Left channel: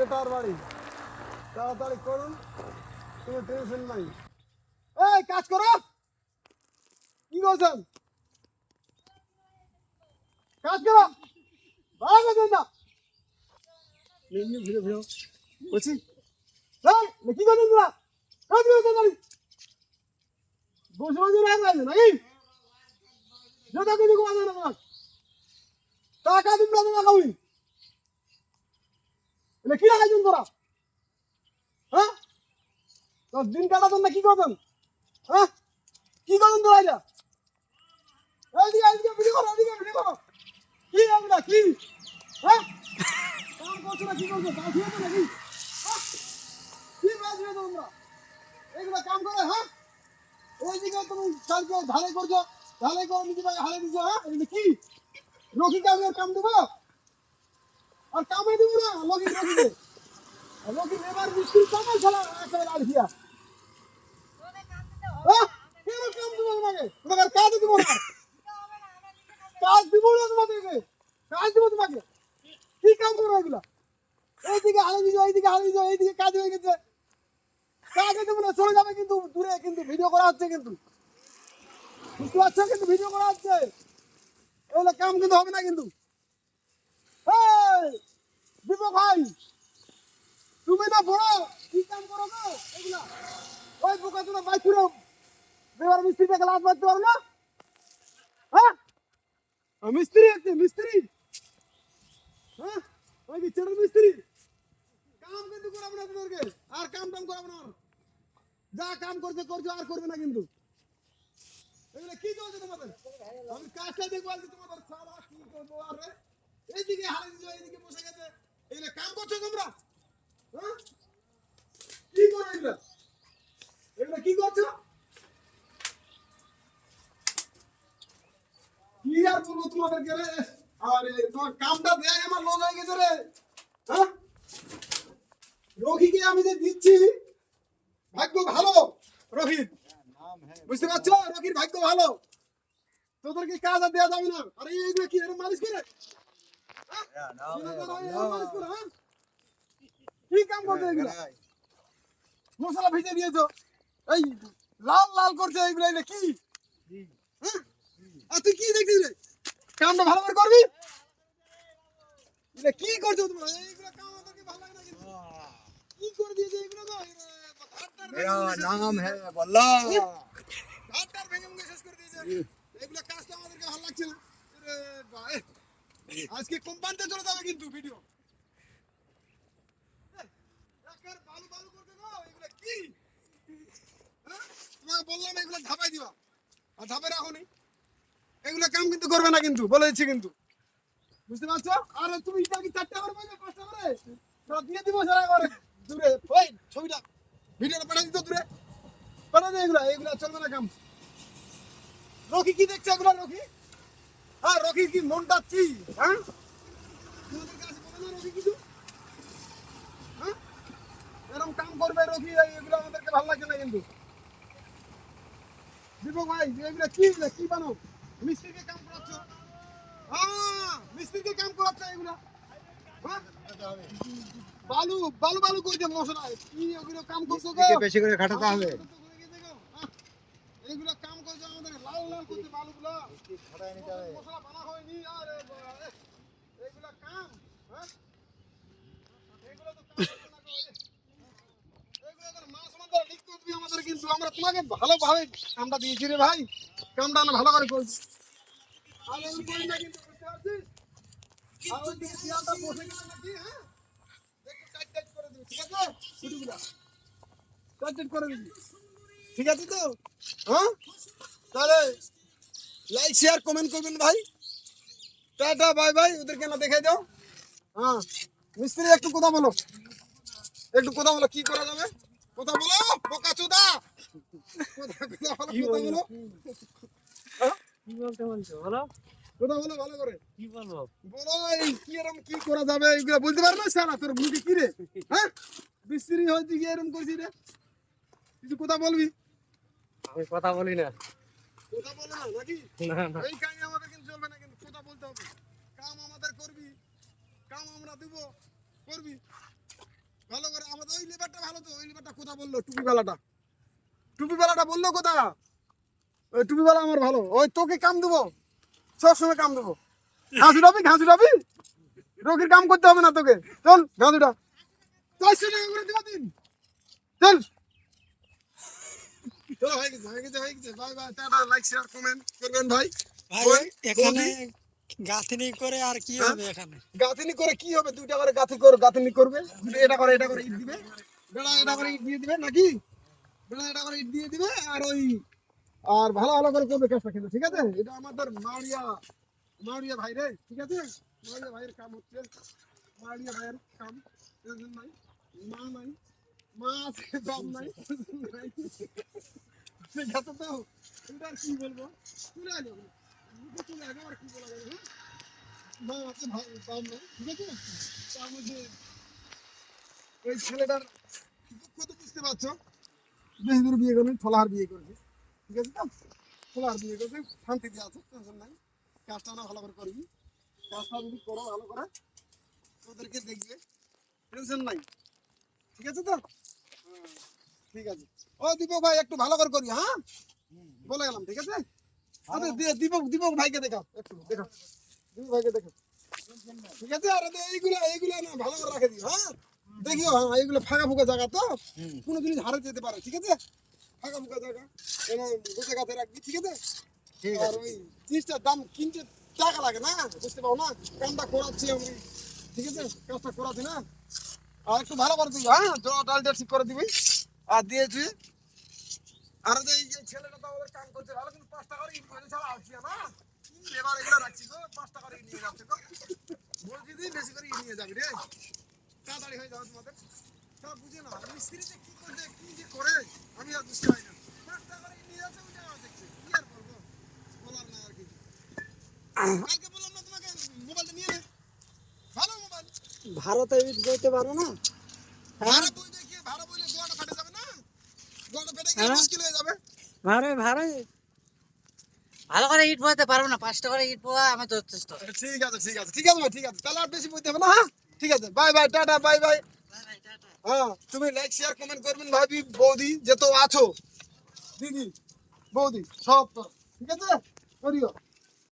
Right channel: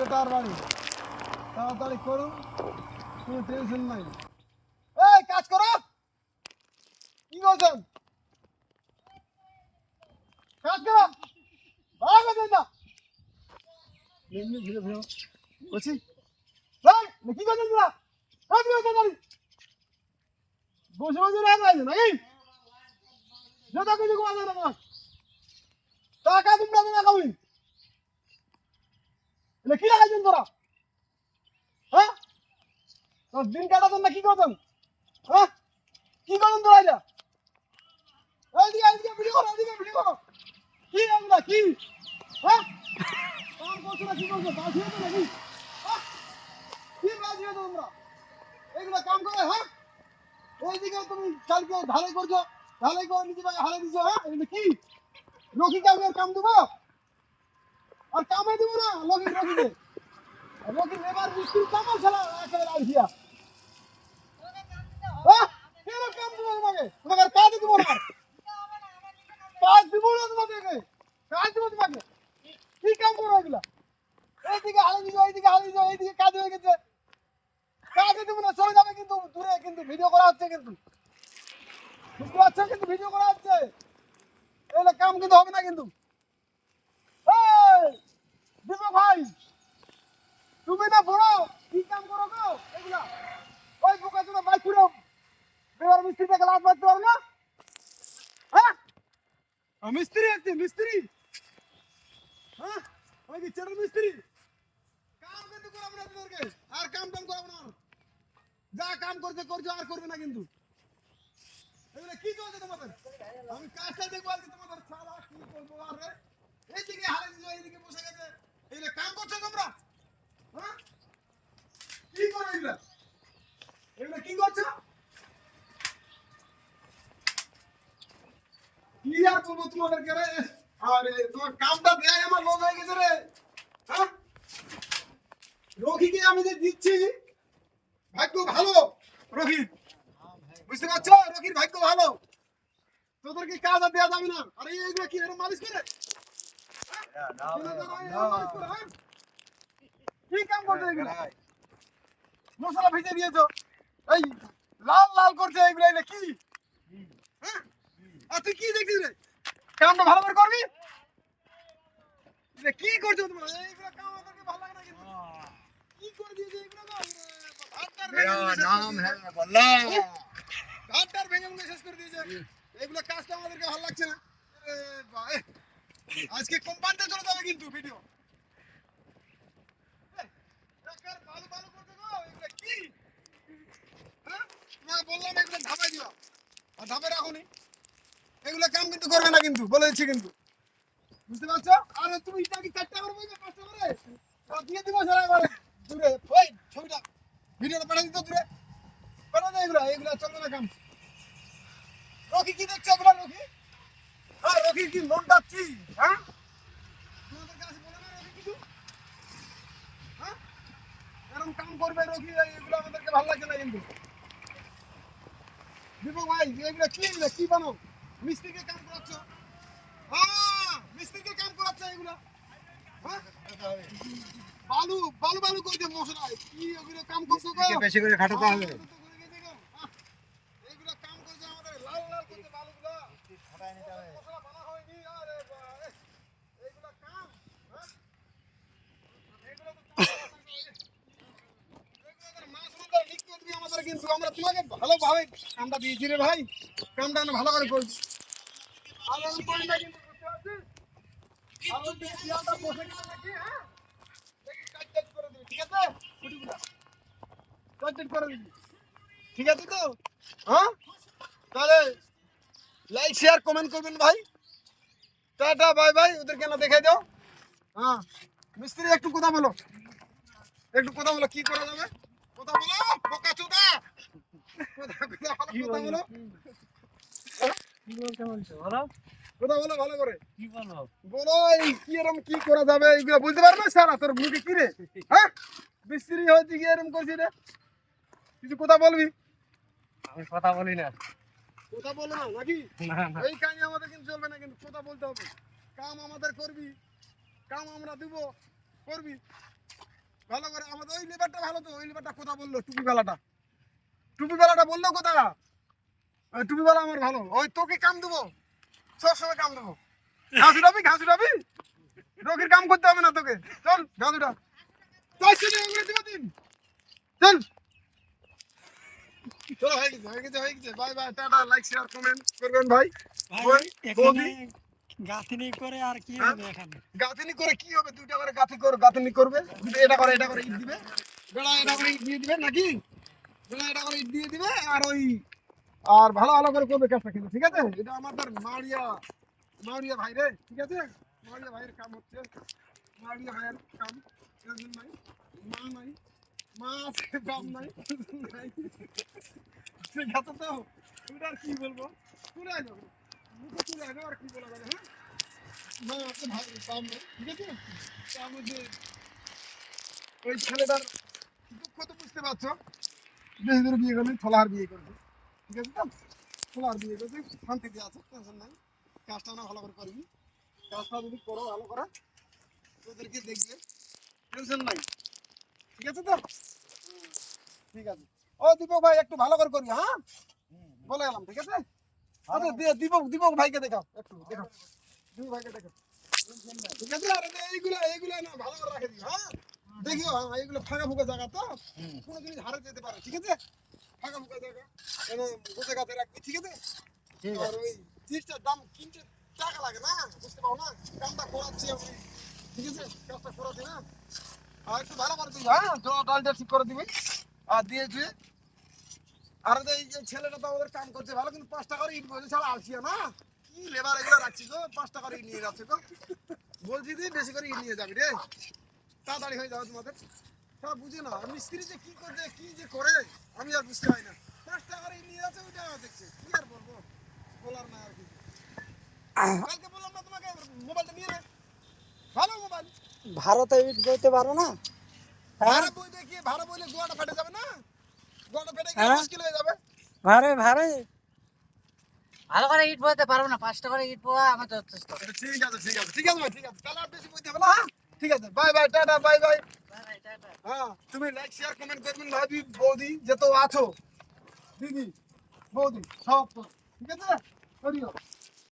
Better বাড়ি তাড়াতাড়ি করুন, কোনো টেনশন নাই। এই কাজ করো, কি করছেন? কাজ করো, ভালো করছেন না ভিড়ে ভিড়ে বলছি। কি করছেন তোরা? কাজ করো তাড়াতাড়ি, বসে বসে রাগ লাগছে নাকি? যেটা কিছু করা যাবে না, টাকা দিন না দিন কবি এটা কি লাগাইছেন তোরা? হ্যাঁ, দিন কাটাতেন না কি করতেন? হ্যাঁ, কি করতেন তোরা? এটা এইদিকে এইদিকে ভিডিও করো, এইদিকে ভিডিও করো। কি এগুলা কি? হ্যাঁ, কাম করছো না কি করছো? কাজ হয়েছে নাকি? হ্যাঁ, কি কাজ হয়েছে তোমরা? এগুলা কাম করে? হ্যাঁ, এইদিকে তুমি কালকে ঢালাই করছো, ঢালাই করে নিজে ভাই হালে দিছো। হ্যাঁ, এগুলো কি রকি কামে কাম দেবো? আর কামে দেবো না রকিকে রকি লেবার মিস্ত্রি কামাল ছাড়া একেবারে আর দিয়া। হ্যাঁ, কেন কাম দেবো তোমাকে? তোমাকে আর কাজ দেবো না, কাজ দিব না তোমাদেরকে, কাজ দেবো তোমাকে। কি কাম করো এগুলা? এইদিকে হালে দিছো, এইদিকে হালে দিছো, এইদিকে কাজ হয়ে গেছে, কাজে দেবো না, চলে যাবে কিন্তু দূরে, কিন্তু ভিডিও করা হচ্ছে, কিন্তু বুঝতে পারছো, কিন্তু ভিডিও করা হচ্ছে, এগুলো কাম কিন্তু হবে না কিন্তু। এই দীপক ভাই, তুমি না বড়, কি কাম করো গো এগুলা? ওই বোকা চোদা বাইকুড়ো বেবার মিস্ত্রিটাকে লাত মারতে পারো না? হ্যাঁ, মিস্ত্রি আছে মিস্ত্রি। হ্যাঁ, ওই যে চেটার মিস্ত্রি, কাম কিন্তু করাবো না তোমাদেরকে, আর কাম টাম করাবো না। যা কাম করছে করছো, আর করবে না কিন্তু। এগুলো কি চলছে তোমাদের? আমি কাজটা দেখবো আজকে তোমাদের, সালা কি করবো? আর রে এইদিকে হালে দিছো, এইদিকে বসে গেছে, এগুলো কাম করছো তোমরা? হ্যাঁ, কি করো এগুলা? এগুলো কি করছো? কি আর বলবো তোমাদেরকে রে? আরে তোমার কামটা দেয় আমার লস হয়ে গেছে রে। হ্যাঁ, রকিকে আমি যে দিচ্ছি, ভাগ্য ভালো রকির, বুঝতে পারছো? রকির ভাগ্য ভালো, তোদেরকে কাজ আর দেওয়া যাবে না। আরে এইগুলো কি এরকম মালিশ করে? হ্যাঁ? এরকম মালিশ করে, হ্যাঁ? কি কাম করছো এগুলো? মশলা ভিজে দিয়েছো, এই লাল লাল করছে এগুলো, এগুলো কি? হ্যাঁ? আর তুই কি দেখছিস রে? কামটা ভালো করে করবি। এটা কি করছো তোমরা? এইগুলো কাম আমাদেরকে ভালো লাগে না কিন্তু। কি করে দিয়েছে এগুলো গো? मेरा नाम है बल्ला। ঘাটটার ভেঙে ভেঙে শেষ করে দিয়েছে। এগুলো কাজটা আমাদেরকে ভালো লাগছে না। আরে ভাই, আজকে কোম্পানিতে চলে যাবে কিন্তু ভিডিও। একার বালু বালু করতে গো, এগুলো কি? হ্যাঁ, তোমাকে বললাম এগুলো ধাপাই দিবা, আর ধাপে রাখোনি। এগুলো কাম কিন্তু করবে না কিন্তু, বলে দিচ্ছি কিন্তু, বুঝতে পারছো? আরে তুমি এটা কি 4টা করে বলবে, 5টা করে সব দিয়ে দিব সারা করে দূরে। ওই ছবিটা ভিডিওটা পাঠিয়ে দিত দূরে, পাঠিয়ে দে। এগুলো এগুলো চলবে না কাম। রকি কি দেখছো এগুলো? রকি, হ্যাঁ রকি কি মনটা কি? হ্যাঁ, তোমাদের কাছে বলে না রকি কিছু? হ্যাঁ, এরকম কাম করবে রকি, এগুলো আমাদেরকে ভালো লাগছে না কিন্তু। দীপক ভাই, এগুলো কি? এগুলো কি বানো? মিস্ত্রিকে কাম করাচ্ছ? হ্যাঁ, মিস্ত্রিকে কাম করাচ্ছ এগুলো। হ্যাঁ, বালু বালু বালু করছে মশলা, কি ওগুলো কাম করছো গো? বেশি করে খাটাতে হবে। এইগুলো কাম করছে আমাদের, লাল লাল করছে বালুগুলো, খাটায় নিতে হবে। মশলা বানা হয়নি। আরে বাবা, এগুলো কাম? হ্যাঁ, এগুলো তো কাম করে নাকি? এগুলো করে মাছ মারা লিক করে দিবি আমাদের কিন্তু। আমরা তোমাকে ভালোভাবে কামটা দিয়েছি রে ভাই, কামটা আমরা ভালো করে করছি। আর এমন করি না কিন্তু, বুঝতে পারছিস? আর ওই দিকে শিয়ালটা বসে গেছে নাকি? হ্যাঁ, একটু টাইট টাইট করে দিবি, ঠিক আছে? ছুটিগুলা টাইট টাইট করে দিবি, ঠিক আছে তো? হ্যাঁ, তাহলে লাইক শেয়ার কমেন্ট করবেন ভাই। টাটা বাই বাই, ওদেরকে না দেখাই দাও। হ্যাঁ, মিস্ত্রি একটু কথা বলো, একটু কথা বলো, কি করা যাবে? কথা বলো বোকা চোদা, কথা বলো। হ্যাঁ? কি বলতে বলছো বলো? কথা বলো ভালো করে, কি বলবো? বলো এই কি এরকম কি করা যাবে, এগুলো বুঝতে পারবে সারা তোর মুখে কি রে? হ্যাঁ, মিস্ত্রি হয়েছে কি এরকম করছি রে? কিছু কথা বলবি? আমি কথা বলি না। কথা বলো না নাকি? না না, এই কাজ আমাদের কিন্তু চলবে না কিন্তু, কথা বলতে হবে। কাম আমাদের করবি, কাম আমরা দিব, করবি। ভালো করে আমাদের ওই লেবারটা ভালো তো, ওই লেবারটা কথা বললো, টুপিওয়ালাটা বললো কথা, ওই টুপিওয়ালা আমার ভালো, ওই তোকে কাম দেবো, সবসময় কাম দেবো। ঘাস উঠাবি, রোগীর কাম করতে হবে না তোকে, চল ঘাস উঠা, 400 টাকা করে দিবা দিন, চল। চলো হয়ে গেছে, bye bye, tata, like share comment করবেন ভাই। ভাই এখানে বৌদি, গাঁথনি করে আর কি হবে এখানে? গাঁথনি করে কি হবে, দুইটা করে গাঁথনি করবে, এটা করে ইট দিবে, বেড়া এটা করে ইট দিয়ে দিবে নাকি, বেড়া এটা করে ইট দিয়ে দিবে, আর ওই আর ভালো করে করবে কাজটা, কিন্তু ঠিক আছে, এটা আমাদের মাউরিয়া ভাই রে, ঠিক আছে, মাউরিয়া ভাইয়ের কাম হচ্ছে, মাউরিয়া ভাইয়ের কাম, টেনশন নাই, মা আছে, বাপ নাই, ঠিক আছে তো, ওটা আর কি বলবো, চলে আসো মুখে, চলে আসো, আর কি বলা যাবে, হ্যাঁ, মা আছে, ভাই বাপ নাই, ঠিক আছে। তার মধ্যে ওই ছেলেটার দুঃখ তো বুঝতে পারছো, বেশি দূর বিয়ে করবে, ছোলার বিয়ে করবে, ঠিক আছে তো, ছোলার বিয়ে করবে, শান্তিতে আছে, টেনশন নাই, কাজটা না ভালো করে করবি, কাজটা যদি করো ভালো করে তোদেরকে দেখবে, টেনশন নাই, ঠিক আছে তো, ঠিক আছে। ও দীপক ভাই একটু ভালো করে করবি, হ্যাঁ, বলে গেলাম, ঠিক আছে। আচ্ছা দীপক ভাইকে দেখাও, একটু দেখো, দীপক ভাইকে দেখো, ঠিক আছে। আর এইগুলা না ভালো করে রাখে দিও, হ্যাঁ, দেখিও, হ্যাঁ, এইগুলো ফাঁকা ফুকা জায়গা তো, কোনো জিনিস হারে যেতে পারে, ঠিক আছে, ফাঁকা ফুকা জায়গা বুঝে গাছে রাখবি, ঠিক আছে। আর ওই জিনিসটার দাম কিনতে টাকা লাগে না, বুঝতে পারো না, কামটা করাচ্ছি আমি, ঠিক আছে, কাজটা করাচ্ছি না, আর একটু ভালো করে দিবি, হ্যাঁ, ডালটা ঠিক করে দিবি, আর দিয়েছি। আর এই যে ছেলেটা তো আমাদের কাম করছে ভালো, কিন্তু 5 টাকা করে ইট বসে ছাড়া আসিয়া না, কি লেবার এগুলো রাখছি গো, 5 টাকা করে ইট নিয়ে যাচ্ছে গো, বলছি দি বেশি করে ইট নিয়ে যাবি রে, তাড়াতাড়ি হয়ে যাবে তোমাদের, সব বুঝে না মিস্ত্রি যে কি করবে, কি যে করে আমি আর বুঝতে পারি না, 5 টাকা করে ইট নিয়ে যাচ্ছে, ওইটা দেখছি, কি আর বলবো, বলার না আর কি। কালকে বললাম না তোমাকে মোবাইলটা নিয়ে নে, ভালো মোবাইল, ভারতে ইট বইতে পারো না? হ্যাঁ ভাড়া বই দেখিয়ে ভাড়া বইলে গোয়াটা ফেটে যাবে না, গোয়াটা ফেটে গেলে হ্যাঁ? মুশকিল হয়ে যাবে। ভারে ভারে ভালো করে ইট বসাতে পারবো না, 5 টাকা করে ইট পোয়া আমার যথেষ্ট। ঠিক আছে ভাই, ঠিক আছে, তাহলে আর বেশি বইতে হবে না, হ্যাঁ, ঠিক আছে, bye bye, tata, bye bye. হ্যাঁ, তুমি লাইক শেয়ার কমেন্ট করবেন, ভাবি বৌদি যত আছো, দিদি বৌদি সব তো, ঠিক আছে, করিও।